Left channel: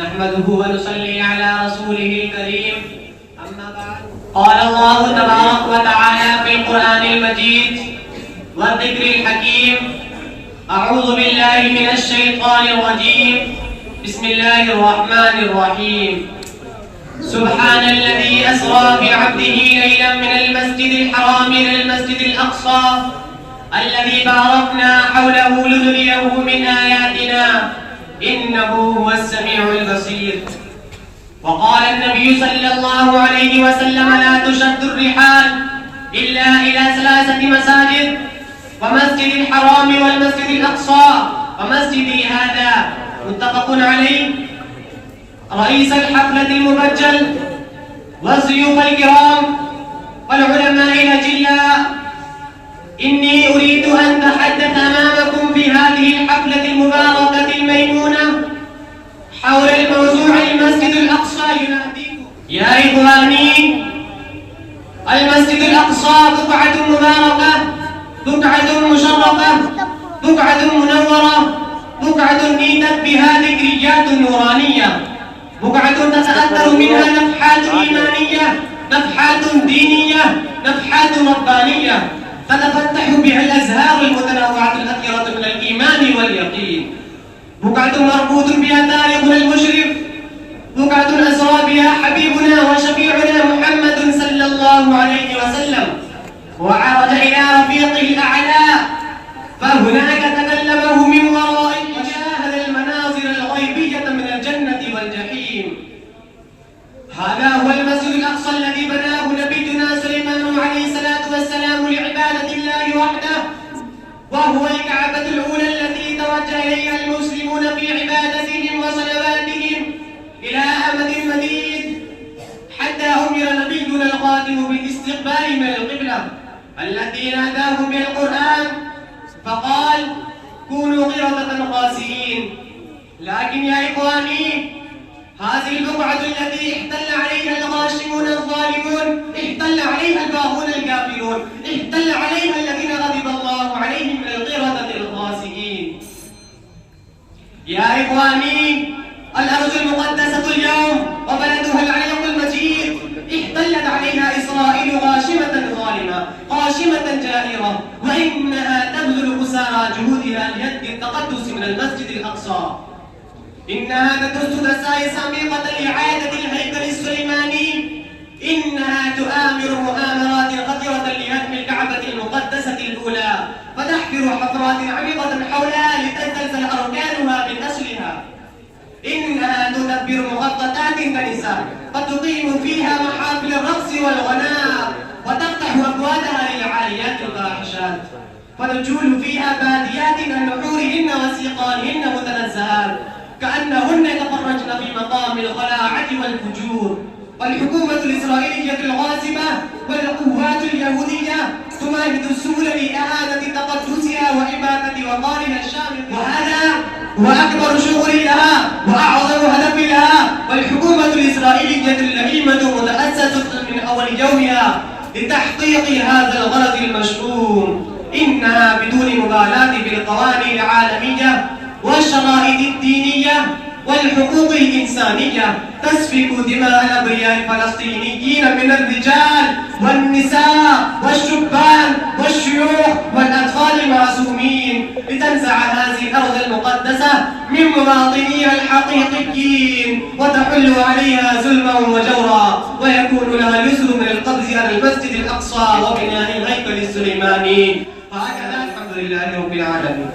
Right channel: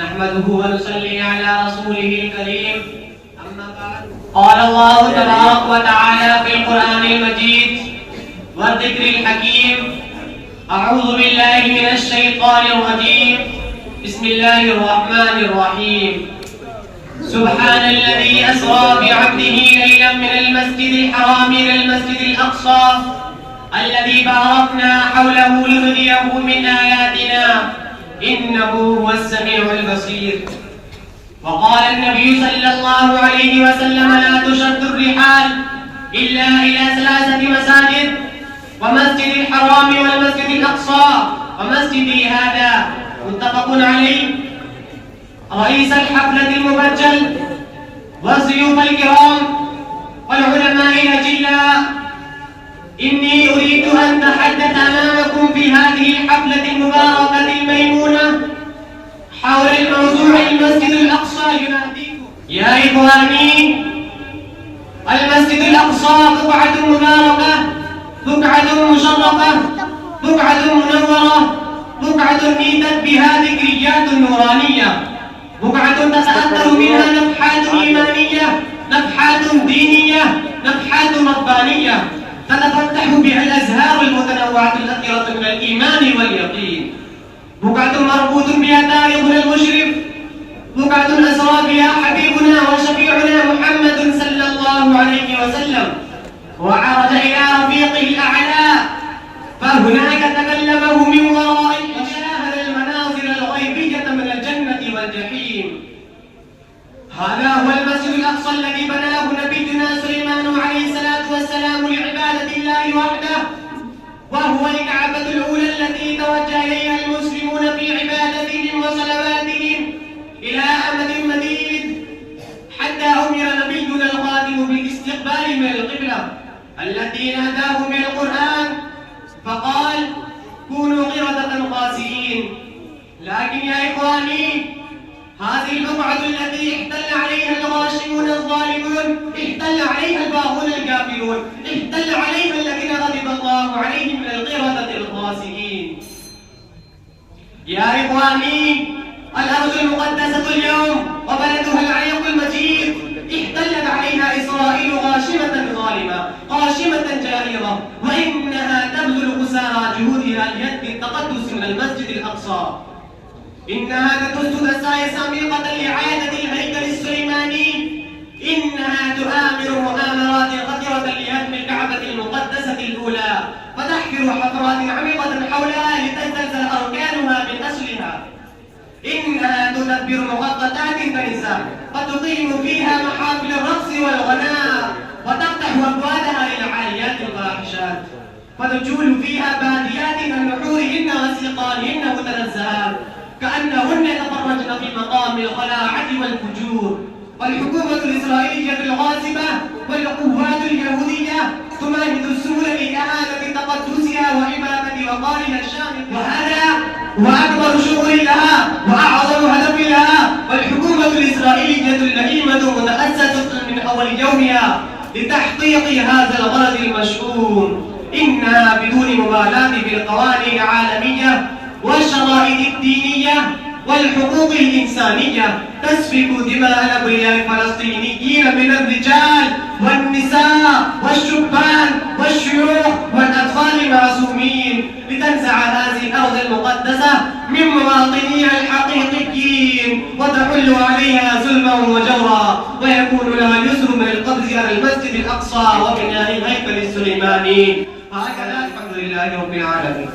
نحمده ونصلي على رسوله الكريم. أما بعد، قال الله تبارك وتعالى في القرآن المجيد والذكر الحكيم: أعوذ بالله من الشيطان الرجيم. بسم الله الرحمن الرحيم. سبحان الذي أسرى بعبده ليلا من المسجد الحرام إلى المسجد الأقصى الذي باركنا حوله لنريه من آياتنا إنه هو السميع البصير. وقال النبي صلى الله عليه وسلم: لا تشد الرحال إلا إلى 3 مساجد: ومسجد الحرام والمسجد الأقصى ومسجدي هذا. متفق عليه. رئيس الحفلة المبجل والضيوف الكرام والعلماء الأجلاء، إني أريد أن أتحدث أمامكم في هذه الحفلة المباركة الميمونة حول الموضوع المسجد الأقصى يناديكم. يا إخواني، المسجد الأقصى بقعة مباركة، بقعة مشرفة، بقعة منورة، بقعة نيتت بها ذكريات نورانية، بقعة تتأثر منها نفحات إيمانية، نفحات دينية، نفحات ربانية، تتفتح بها الأزهار المتنوعة الأثيرة من الإيمان واليقين. بقعة مربوط بها تاريخنا المشرف، بقعة أسرى بها حبيبنا وشفيعنا محمد صلى الله عليه وسلم وعرج إلى رفيقه الأعلى، فهناك تكلمه من ورائه وشاهد المناظر الغيبية من الجنة والجحيم. هذا هو المسجد الأقصى الذي بناه نبينا سليمان عليه الصلاة والسلام لعبادة الله وحده، وهو الكعبة الأولى التي توجه إليها المسلمون في عبادتهم وصلواتهم إلى أمد مديد، حتى أمر نبينا الخاتم بالاستقبال من القبلة التي ناداهم بالقرآن فقال: كونوا قردة خاسئين. لكن يا إخواني، هذه البقعة التي احتل عليها الغاشمون الظالمون، احتل عليها الباغون الكافرون، احتل عليها الذين غضب الله عليهم من القردة الخاسئين. يا إخواني، الأرض المقدسة اليوم وبلدها العريق المجيد احتلت عليها إسرائيل غاشمة ظالمة، غاشمة جائرة، وإنها تبذل قصارى جهودها لهدم التقدس من المسجد الأقصى. إنها تدس دسائس عميقة لإعادة الهيكل السليماني، إنها تؤامر مؤامرات خطيرة لهدم الكعبة المقدسة الأولى، وتحفر حفرات عميقة حولها لتزلزل أركانها من أصلها. إنها تدبر مخططات كنيسة وتقيم فيها محافل الرقص والغناء، وتفتح أبوابها للعاليات الفاحشات، وتجول فيها باديات عن نحورهن وسيقانهن متنزهات كأنهن يتفرجن في مقام الخلاعة والفجور. والحكومة الإسرائيلية الغاصبة والقوات اليهودية تمهد السبل لإعادة تقدسها وإماتة وقارها الشامل، وهذا هو أكبر شغل لها وأعظم هدف لها. والحكومة الإسرائيلية اللئيمة متأسسة من أول يومها لتحقيق هذا الغرض المشؤوم. إنها بدون مبالاة بالقوانين العالمية والشرائط الدينية والحقوق الإنسانية تسفك دماء الأبرياء الفلسطينيين من الرجال والنساء والشبان والشيوخ والأطفال المعصومين، لتنزع هذه الأرض المقدسة من مواطنيها الحقيقيين وتحل عليها ظلما وجورا، ويكون لها اليسر من القبض على المسجد الأقصى وبناء الهيكل السليماني. هكذا الحمد لله رب العالمين.